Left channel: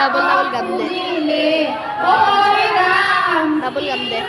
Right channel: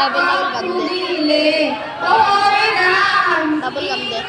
Double double gam দিলে Double gam de.